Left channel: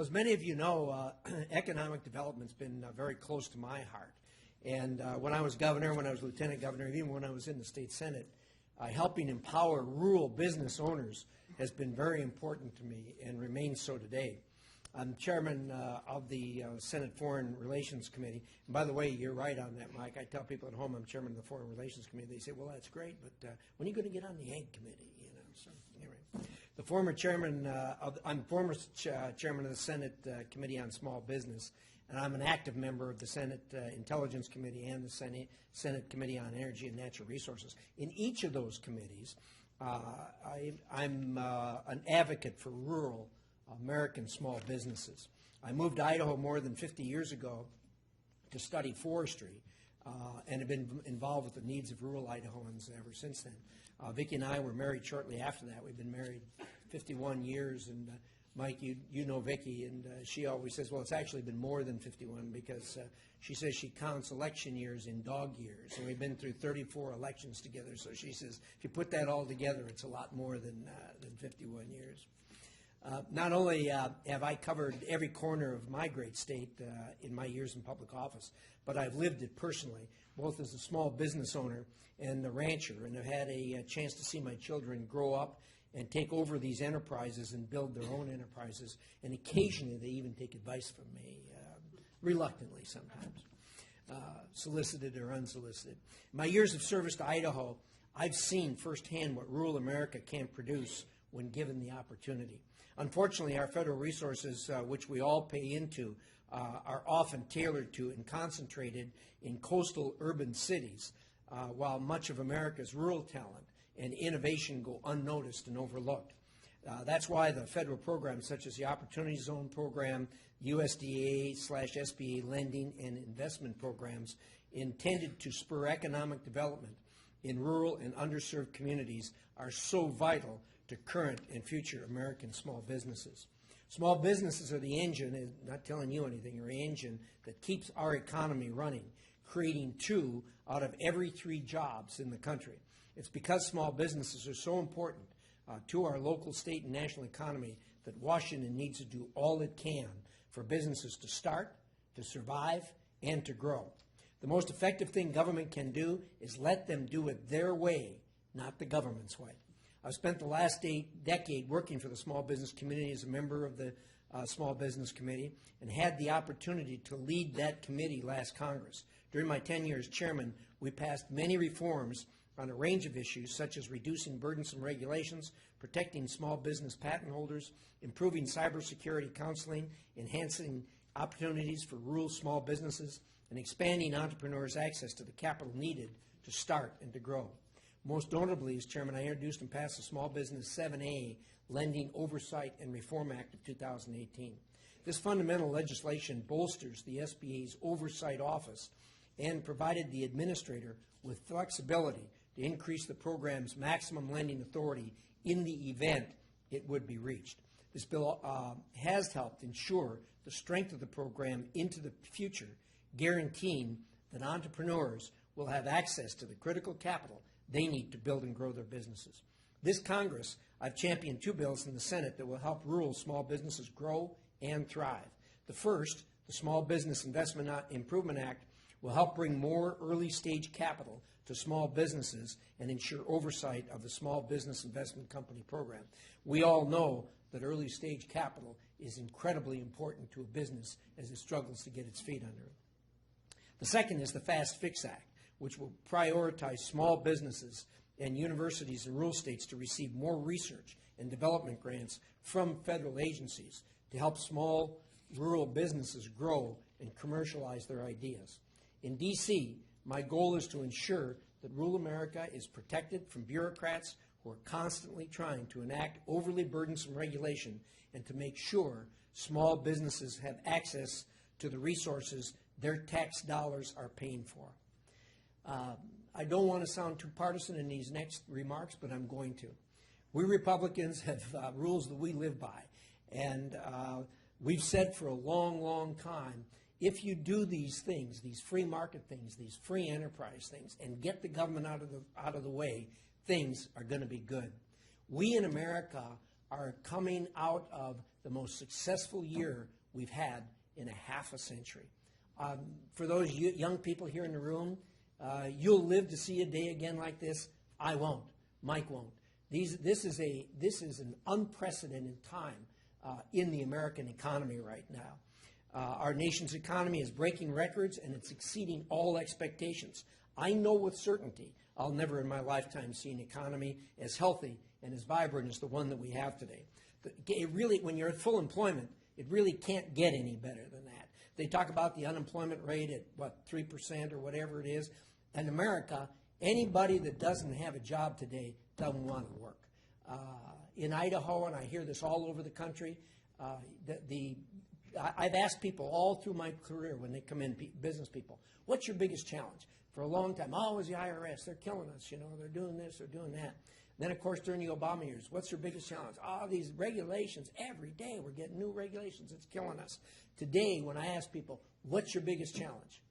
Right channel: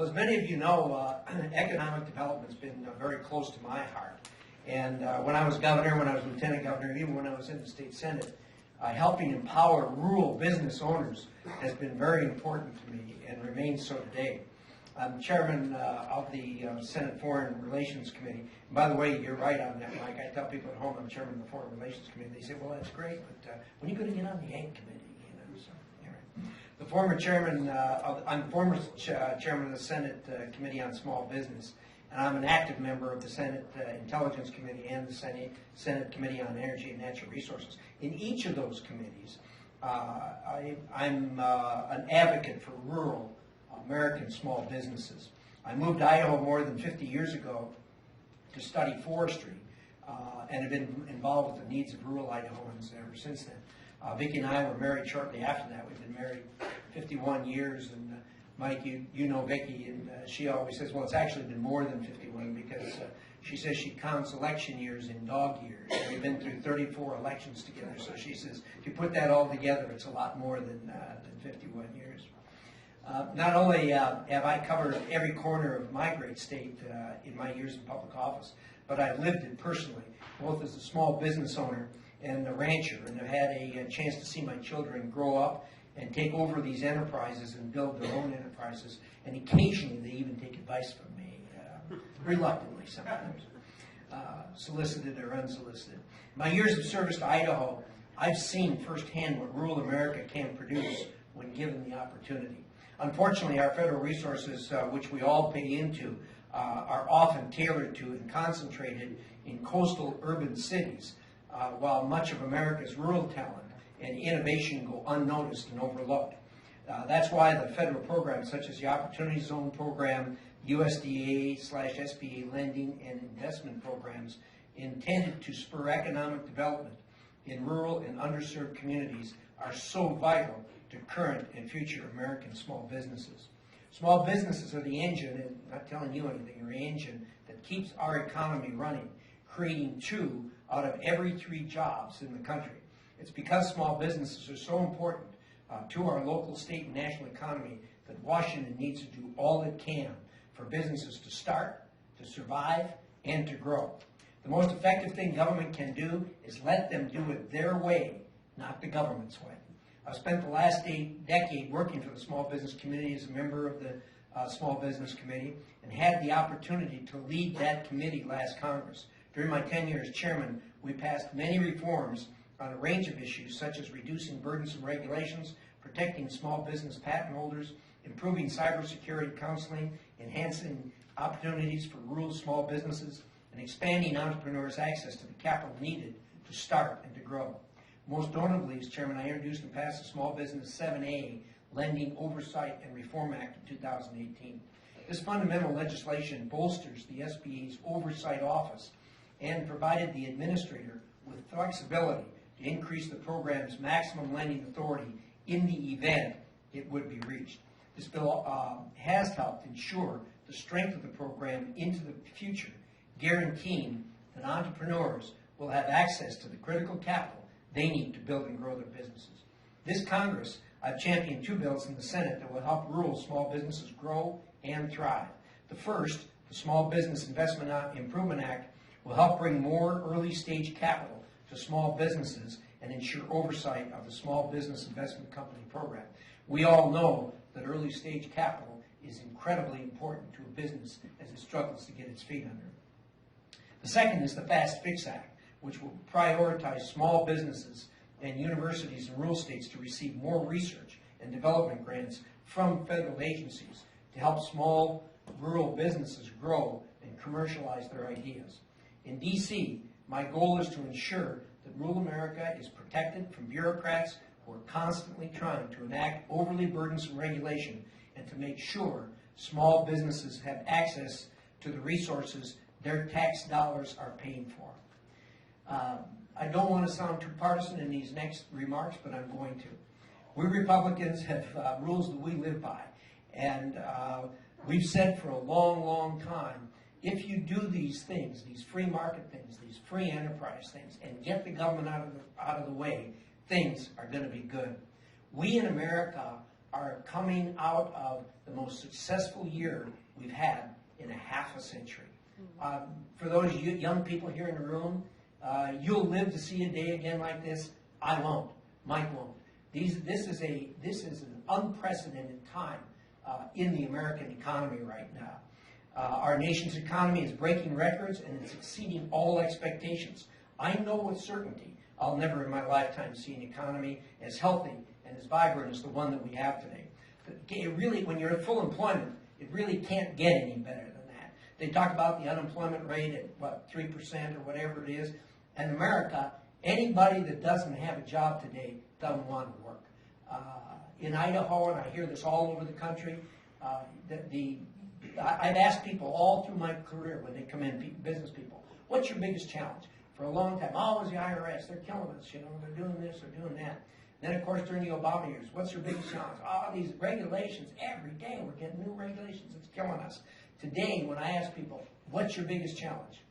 Well, as many of you know, economic development's been very close to my heart. And when I was governor, when I was lieutenant governor, even when I was in the state senate, helping empower rural business owners has been very important to me and remains so today. I'm chairman of the Senate Foreign Relations Committee. And by the way, you're right on that, Mike. I tell people at home I'm chairman of the Foreign Relations Committee. They say, well, that's great, but when are you going to get on the Ag Committee? So, anyway. The former chairman, I'm former chairman of the Senate Committee on Small Business, and I'm an active member of the Senate Intelligence Committee and the Senate Committee on Energy and Natural Resources. In each of those committees, I'm an advocate for rural American small businesses. I moved to Idaho more than 50 years ago to study forestry and have been involved with the needs of rural Idahoans ever since then. Vicki and I were married shortly after that. We've been married 51 years, and Mike, you know Vicki, and she always says, well, it's actually been more than 51 because she says she counts election years in dog years. And we've been through 34 elections together, so she says if you put that all together, it's a lot more than 51 years. Not only have I covered every corner of my great state in my years in public office, but I've lived it personally, both as a small business owner and a rancher, and I've had a chance to see my children grow up and take over these enterprises and build their own enterprises, and occasionally they even take advice from me, reluctantly sometimes, solicited or unsolicited. In my years of service to Idaho, I've seen firsthand what rural America can produce when given the opportunity. Unfortunately, our federal resources, which we all pay into, are often tailored to and concentrated in coastal urban cities, while much of America's rural talent and innovation go unnoticed and overlooked. That's why the federal programs such as the Opportunity Zone Program, USDA/SBA lending and investment programs intended to spur economic development in rural and underserved communities are so vital to current and future American small businesses. Small businesses are the engine, and not telling you anything, are the engine that keeps our economy running, creating 2 out of every 3 jobs in the country. It's because small businesses are so important to our local, state, and national economy that Washington needs to do all it can for businesses to start, to survive, and to grow. The most effective thing government can do is let them do it their way, not the government's way. I've spent the last decade working for the small business community as a member of the Small Business Committee and had the opportunity to lead that committee last Congress. During my tenure as chairman, we passed many reforms on a range of issues such as reducing burdensome regulations, protecting small business patent holders, improving cybersecurity counseling, enhancing opportunities for rural small businesses, and expanding entrepreneurs' access to the capital needed to start and to grow. Most notably, as chairman, I introduced and passed the Small Business 7A Lending Oversight and Reform Act of 2018. This fundamental legislation bolsters the SBA's oversight office and provided the administrator with flexibility to increase the program's maximum lending authority in the event it would be reached. This bill has helped ensure the strength of the program into the future, guaranteeing that entrepreneurs will have access to the critical capital they need to build and grow their businesses. This Congress, I've championed 2 bills in the Senate that will help rural small businesses grow and thrive. The first, the Small Business Investment Improvement Act, will help bring more early-stage capital to small businesses and ensure oversight of the Small Business Investment Company program. We all know that early-stage capital is incredibly important to a business as it struggles to get its feet under it. The second is the Fast Fix Act, which will prioritize small businesses and universities in rural states to receive more research and development grants from federal agencies to help small rural businesses grow and commercialize their ideas. In D.C., my goal is to ensure that rural America is protected from bureaucrats who are constantly trying to enact overly burdensome regulation and to make sure small businesses have access to the resources their tax dollars are paying for. I don't want to sound too partisan in these next remarks, but I'm going to. We Republicans have rules that we live by, and we've said for a long, long time, if you do these things, these free market things, these free enterprise things, and get the government out of the way, things are going to be good. We in America are coming out of the most successful year we've had in a half a century. For those young people here in the room, you'll live to see a day again like this. I won't. Mike won't. This is an unprecedented time in the American economy right now. Our nation's economy is breaking records and it's exceeding all expectations. I know with certainty I'll never in my lifetime see an economy as healthy and as vibrant as the one that we have today. But it really, when you're at full employment, it really can't get any better than that. They talk about the unemployment rate at, what, 3% or whatever it is. In America, anybody that doesn't have a job today doesn't want to work. In Idaho, and I hear this all over the country, I've asked people all through my career when they come in, business people, what's your biggest challenge? For a long time, oh, it was the IRS. They're killing us. You know, they're doing this, they're doing that. Then, of course, during the Obama years, what's your biggest challenge? Oh, these regulations. Every day we're getting new regulations. It's killing us. Today, when I ask people, what's your biggest challenge?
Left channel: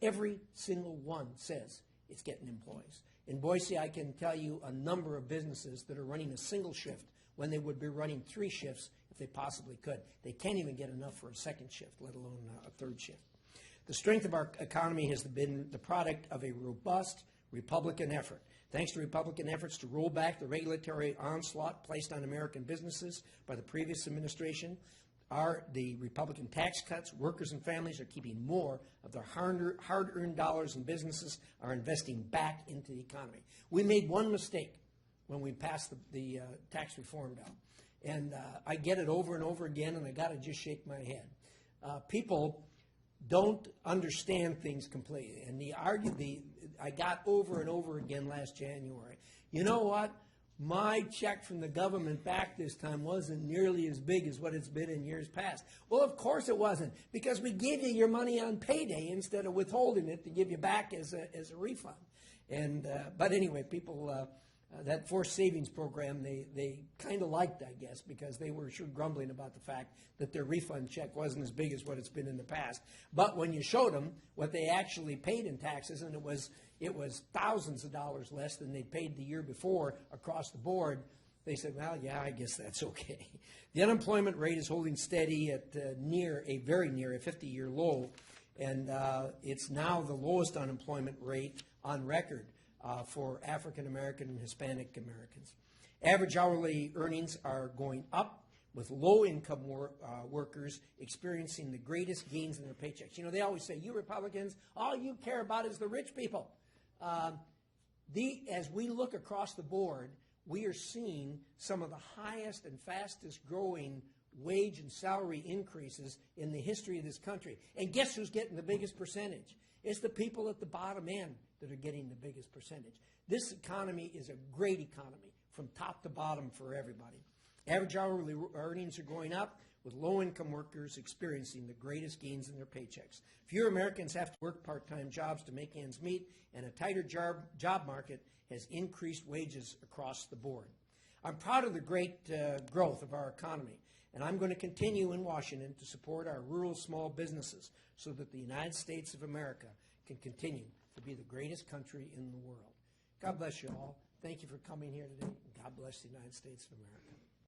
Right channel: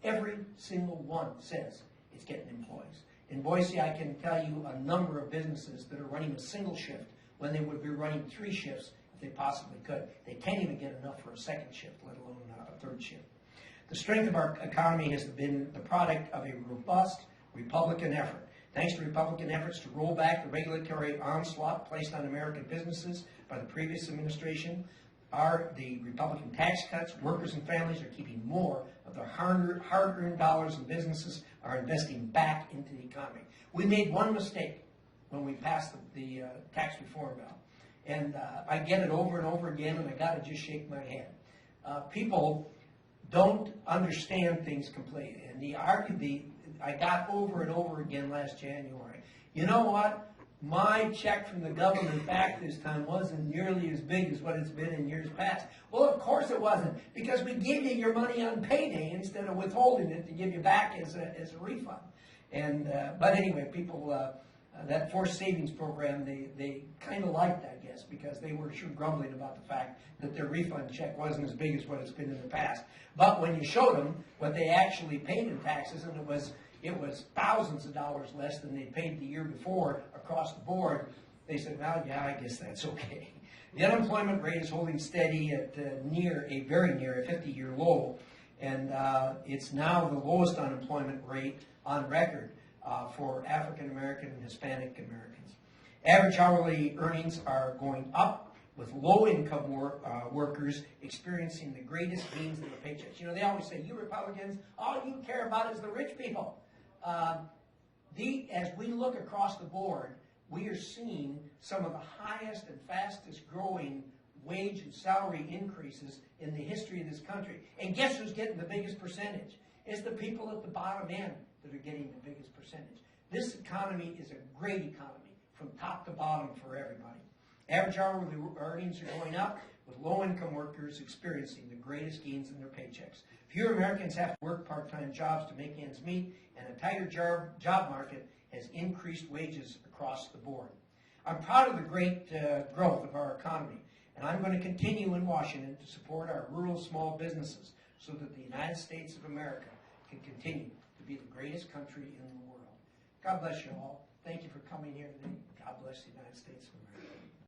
Every single one says it's getting employees. In Boise, I can tell you a number of businesses that are running a single shift when they would be running 3 shifts if they possibly could. They can't even get enough for a second shift, let alone a third shift. The strength of our economy has been the product of a robust Republican effort. Thanks to Republican efforts to roll back the regulatory onslaught placed on American businesses by the previous administration, the Republican tax cuts, workers and families are keeping more of their hard-earned dollars, and businesses are investing back into the economy. We made one mistake when we passed the tax reform bill, and I get it over and over again, and I got to just shake my head. People don't understand things completely, and I got over and over again last January. You know what? My check from the government back this time wasn't nearly as big as what it's been in years past. Well, of course it wasn't, because we gave you your money on payday instead of withholding it to give you back as a refund. And but anyway, people, that forced savings program, they kind of liked, I guess, because they were sure grumbling about the fact that their refund check wasn't as big as what it's been in the past. But when you showed them what they actually paid in taxes, and it was thousands of dollars less than they paid the year before across the board, they said, well, yeah, I guess that's okay. The unemployment rate is holding steady at very near a 50-year low, and it's now the lowest unemployment rate on record for African American and Hispanic Americans. Average hourly earnings are going up, with low-income workers experiencing the greatest gains in their paychecks. You know, they always say, you Republicans, all you care about is the rich people. As we look across the board, we are seeing some of the highest and fastest growing wage and salary increases in the history of this country. And guess who's getting the biggest percentage? It's the people at the bottom end that are getting the biggest percentage. This economy is a great economy from top to bottom for everybody. Average hourly earnings are going up, with low-income workers experiencing the greatest gains in their paychecks. Fewer Americans have to work part-time jobs to make ends meet, and a tighter job market has increased wages across the board. I'm proud of the great growth of our economy, and I'm going to continue in Washington to support our rural small businesses so that the United States of America can continue to be the greatest country in the world. God bless you all. Thank you for coming here today. God bless the United States of America.